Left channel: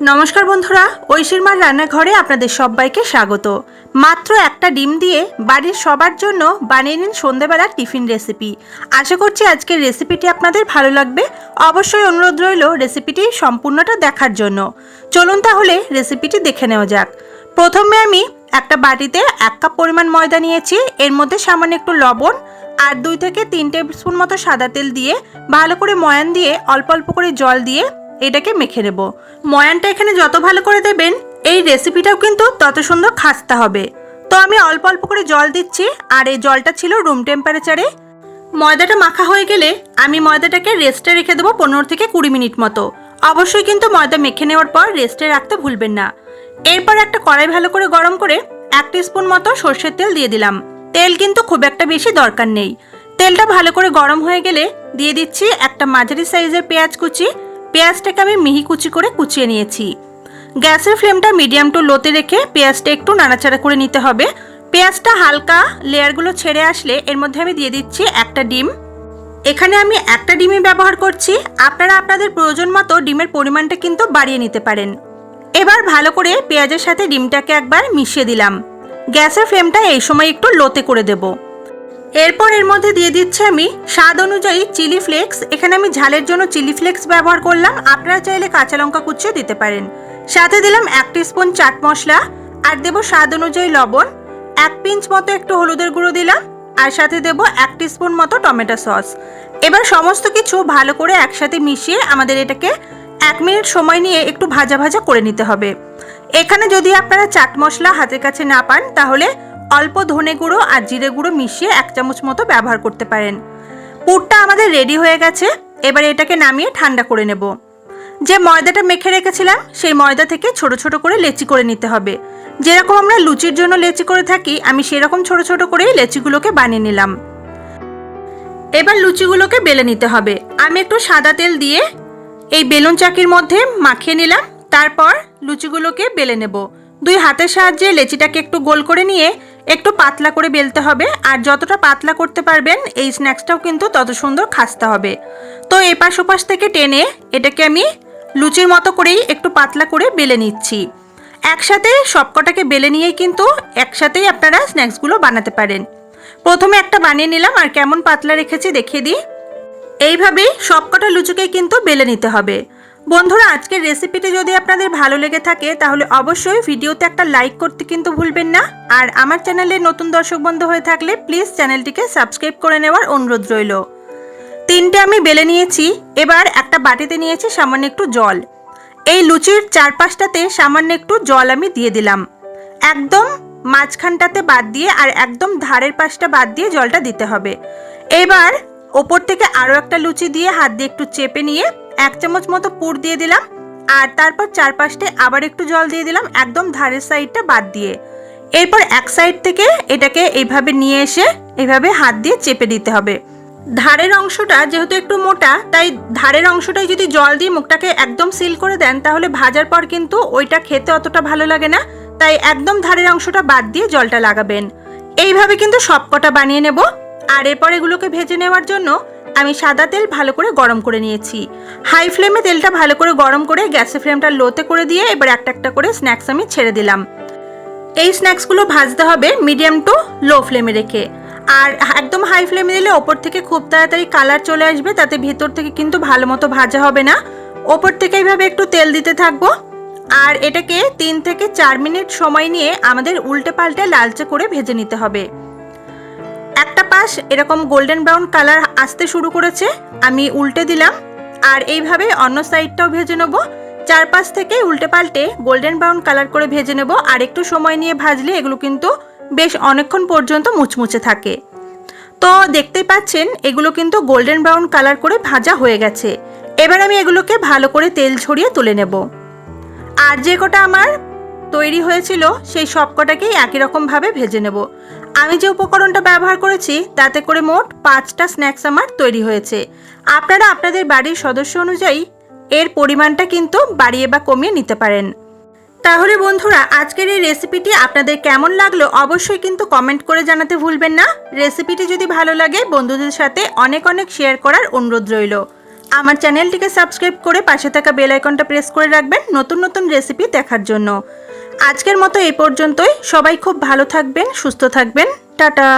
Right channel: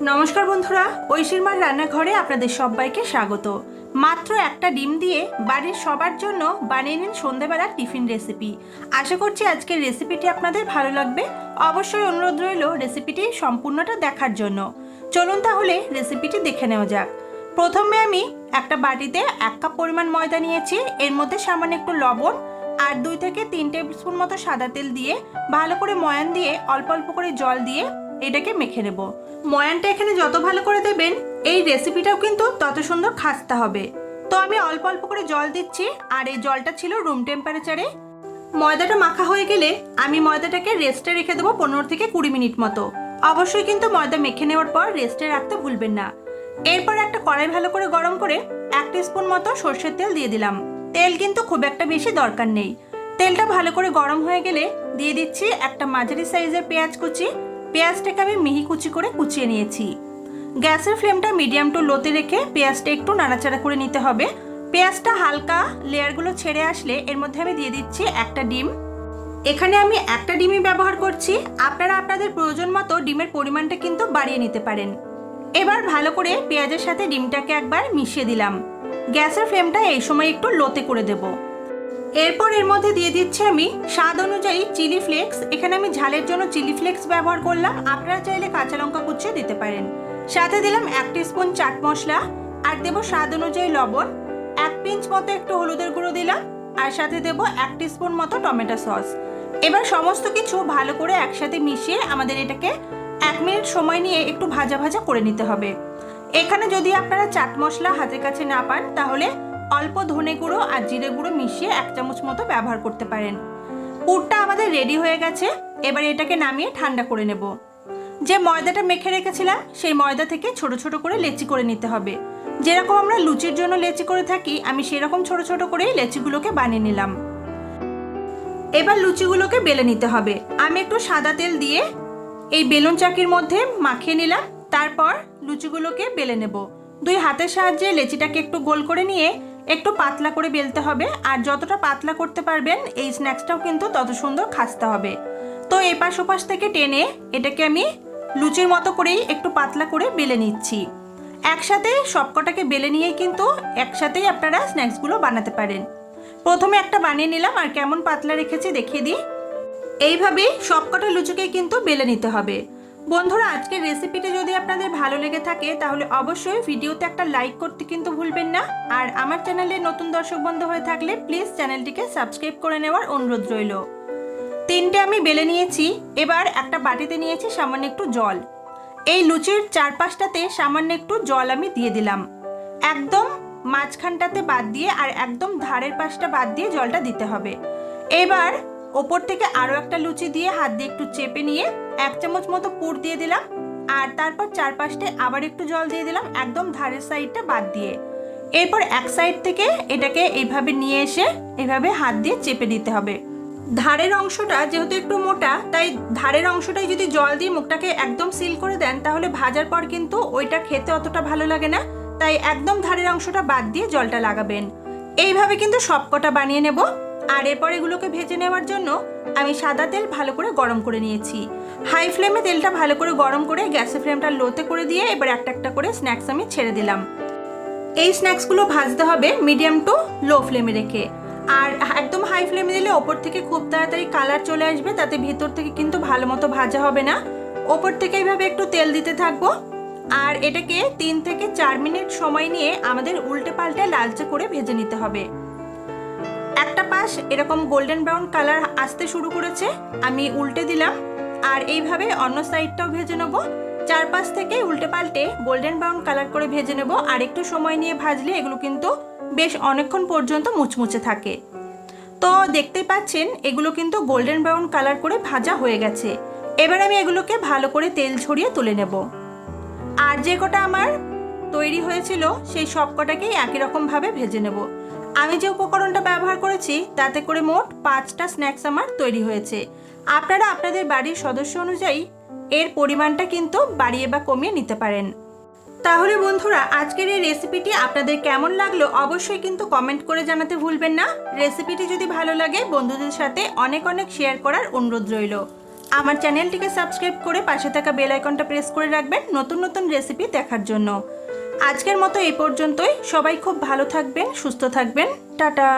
নমস্কার বন্ধুরা ঐশীর মার রান্নাঘরে আপনাদের সবাইকে স্বাগত। মাত্র একটা ডিম দিয়ে বাড়ির সবার জন্য বানিয়ে নিন সন্ধেবেলার টিফিন রেসিপি। আশা করছি আজকের রেসিপিটি আপনাদের ভালো লাগবে। অবশ্যই অনুরোধ রইল রেসিপিটি সম্পূর্ণটা দেখার জন্য। চলুন তাহলে রেসিপিটি দেখে নেওয়া যাক। প্রথমে আমি একটা বাটিতে এক কাপ পরিমাণ ময়দা নিয়েছি। এর মধ্যে সামান্য একটু লবণ আর দুই থেকে তিন টেবিল স্পুন মতো সাদা তেল দিয়ে ভালো করে ময়ান দিয়ে অল্প অল্প করে জল দিয়ে এটাকে মেখে নেব। ময়ানটা এখানে যত ভালো করে দেবেন, এই রেসিপিটাও কিন্তু তত সুন্দর খাস্তা হবে। তো আমি অল্প অল্প করে জল দিচ্ছি, আর এই জলটা ছিল রুম টেম্পারেচারে ময়দাটা মাখা হয়ে গেলে আমি ময়দাটাকে রেস্টে রেখে দেবো পনেরো থেকে কুড়ি মিনিট মতো। অবশ্যই কিন্তু ময়দা মেখে নেওয়ার পর রেস্টে রাখতে ভুলবেন না। এরপর একটা কড়াই ভালো করে গরম করে এক স্পুন মতো সর্ষের তেল দিয়ে দিলাম। তেল কিন্তু খুব একটা বেশি দরকার নেই। তেলটা ভালো করে গরম হয়ে গেলে দিয়ে দিচ্ছি একটা মাঝারি সাইজের পেঁয়াজ কুচি পেঁয়াজটাকে আমি মিহি কুচি করে কুচিয়ে নিয়েছি। গ্যাসের ফ্লেমটা মিডিয়াম টু লোতে রেখে পেঁয়াজটা একটু নাড়াচাড়া করে নিতে হবে। পেঁয়াজটা হালকা লেয়ারগুলো ছেড়ে আসলে এর মধ্যে আমি দিয়ে দিচ্ছি একটা ডিম। এখানে আমি একটা ডিমই ব্যবহার করছি। আপনারা আপনাদের প্রয়োজন মতো ডিমের পরিমাণটা কিন্তু বাড়িয়ে নিতে পারেন। এবার ভালো করে পেঁয়াজের সাথে ডিমটাকে একবার মিশিয়ে দিলাম। গ্যাসের ফ্লেমটা এই সময় একটু লোতে করে দেবো। এরপর এর মধ্যে দিয়ে দিচ্ছি আমি স্বাদ অনুযায়ী চিলি ফ্লেক্স। এখানে আমি ঝালের জন্য চিলি ফ্লেক্স ব্যবহার করলাম। আপনারা চাইলে কাঁচা লঙ্কা কুচিয়ে দিতে পারেন। সাথে দিলাম এক স্পুন চাট মশলা, আর দেবো স্বাদ অনুযায়ী লবণ। এক পিঞ্চ মতো একটু হলুদের গুঁড়ো দিলাম, আর সাথে দেবো এক স্পুন মতো টমেটো সস। এবার সমস্ত কিছু ভালো করে একসাথে মিশিয়ে আমাদের এটাকে এক মিনিট সময় নিয়ে একটু ভাজা ভাজা করে নিতে হবে। এখানে যদি আপনারা চাট মশলা হাতের কাছে না পান, তাহলে অল্প ধনে গুঁড়ো আর জিরে গুঁড়ো মিশিয়ে এক চামচ মতো ব্যবহার করতে পারেন। পুরটা আমাদের রেডি হয়ে গেছে। এবার এটাকে নামিয়ে ঠান্ডা করে নেব। যে ময়দাটা মেখে রেখেছিলাম, সেই ময়দা থেকে ছোট ছোট করে লেচি করে নিতে হবে। যেরকম আমরা লুচির জন্য লেচি করে থাকি, আমি সেরকম ছোট ছোট করেই লেচিগুলোকে বানিয়ে নিলাম। এবার লুচিগুলোকে বেলে নিতে হবে। আমি একটু সাদা তেল দিয়ে এই বেলুন চাকির মধ্যে মাখিয়ে নিলাম। তারপর লুচিগুলোকে বেলে নেব। দুই হাতের সাহায্যে লেচিটাকে একটু গোল করে নিয়ে একটু পাতলা করে বেলতে হবে আর যতটা পাতলা করতে পারবেন এই স্ন্যাক্সটাও কিন্তু তত সুন্দর খাসতে হবে। তো এপাশ ওপাশ থেকে টেনে এটাকে আমি লুচির মতো করেই একটু পাতলা করে বেলে নিচ্ছি। একসাথে সবকটাকে বেলে নিয়েই কিন্তু একসাথেই আপনারা স্ন্যাক্সগুলো বানাতে পারেন। প্রথমে একটা বানিয়ে নিলাম আর কেমন পাতলা রেখেছি দেখিয়ে দিই। এইভাবেই সবকটা লুচিকে কিন্তু বেলে নিতে হবে। বন্ধুরা, আজকের রেসিপিটি যদি আপনাদের ভালো লেগে থাকে, তাহলে অবশ্যই ভিডিওতে একটা লাইক করতে কিন্তু ভুলবেন না। আর আমার চ্যানেলে নতুন দর্শক বন্ধু হয়ে থাকলে প্লিজ চ্যানেলটিকে সাবস্ক্রাইব করে নেওয়ার অনুরোধ রইল। তিনটে আমি বেলে নিয়েছি, এবার একটা বাটিতে নিয়েছি সামান্য একটু জল। এই লুচির চারপাশটাতে সামান্য একটু জল আমি দিয়ে দিলাম। একদম মাঝখানটাতে বাদ দিয়ে আর একদম ধারের পাশটা বাদ দিয়ে জলটা দিতে হবে। এবার ওপর থেকে আরও একটা লুচি দিয়ে হাত দিয়ে একটু চেপে নিয়ে এক চামচ মতো পুর দিয়ে দিলাম আর তারপর চারপাশে আবার একটু জল দিয়ে দিলাম একদম ধারের সাইডটা বাদ দিয়ে। এরপর এক সাইড থেকে এটাকে এইভাবে নিয়ে এসে এইভাবে হাত দিয়ে চেপে দিতে হবে। ধারের অংশটা যেহেতু একটু মোটা, তাই ধারের অংশটায় যদি জল দিয়ে মুখটাকে একদম সিল করে দেন, তাহলে ভাজার পর কিন্তু ওইটা খেতে অতটা ভালো লাগে না। তাই একদম ধারের অংশটা বাদ দিয়ে জলটা লাগাবেন। এইভাবে কিন্তু সবকটা বানিয়ে নেব। আর এরপর এগুলোকে ভেজে নেওয়ার জন্য আমি সাদা তেল ভালো করে গরম করে নিয়েছি। হাই ফ্লেমে তেলটা ভালো করে গরম করে গ্যাসের ফ্লেমটা লোতে করে দিয়ে এবার একটা একটা করে স্ন্যাক্স আমি ছেড়ে দিলাম। এই স্ন্যাক্সগুলো ভাজতে হবে মিডিয়াম টু লো ফ্লেমে রেখে। আর একদম হাই ফ্লেমে দিলে ওপর থেকে খুব তাড়াতাড়ি কালার চলে আসবে, তাতে ভেতর থেকে কিন্তু ভালো মতো ভাজা হবে না। ওপর থেকে এইভাবে একটু তেল দিতে থাকব। আর এটাকে তিন থেকে চার মিনিট সময় নিয়ে আমাদের উল্টে পাল্টে লালচে করে ভেজে নিতে হবে। পাশ এরকম গোল্ডেন ব্রাউন কালার আসতে শুরু করেছে, আমি উল্টে দিলাম। আর এইভাবে অন্য সাইডটাও ভেজে নেব। চারপাশ থেকে উল্টে পাল্টে গোল্ডেন ব্রাউন কালার করে ভেজে নেব। আর একটু সময় নিয়ে ভাজলে এগুলো কিন্তু বেশ অনেকক্ষণ পর্যন্ত মুচমুচে থাকে। তো দেখতেই পাচ্ছেন, এগুলো কিন্তু গোল্ডেন ব্রাউন কালার করে ভাজা হয়ে গেছে। এবার আমি এগুলোকে ভালো করে তেল ছড়িয়ে তুলে নেব। আর যে কটা আমার তৈরি হয়েছিল, সেই সব কটাকেই একই রকমভাবে ভেজে নেব। আমি যে উপকরণটা ব্যবহার করেছি, তাতে করে মোট পাঁচটা স্ন্যাক্স আমার তৈরি হয়েছে। আপনারা আপনাদের বাড়ির সদস্য অনুযায়ী এর পরিমাণটা কিন্তু বাড়িয়ে বা কমিয়ে নিতে পারেন। তাহলে বন্ধুরা, আজকের এই রেসিপিটি আপনাদের কেমন লাগল অবশ্যই কিন্তু কমেন্ট করে জানাতে ভুলবেন না। রেসিপিটি যদি ভালো লাগে, বন্ধুদের সাথে অনেক অনেক শেয়ার করার অনুরোধ রইল। আমার চ্যানেলটিকে সাবস্ক্রাইব করে পাশে থাকা বেল আইকনটা প্রেস করে রাখবেন নতুন নতুন রেসিপি দেখার জন্য। আজকের মতো এই পর্যন্তই। সবাই খুব ভালো থাকবেন, সুস্থ থাকবেন। টাটা!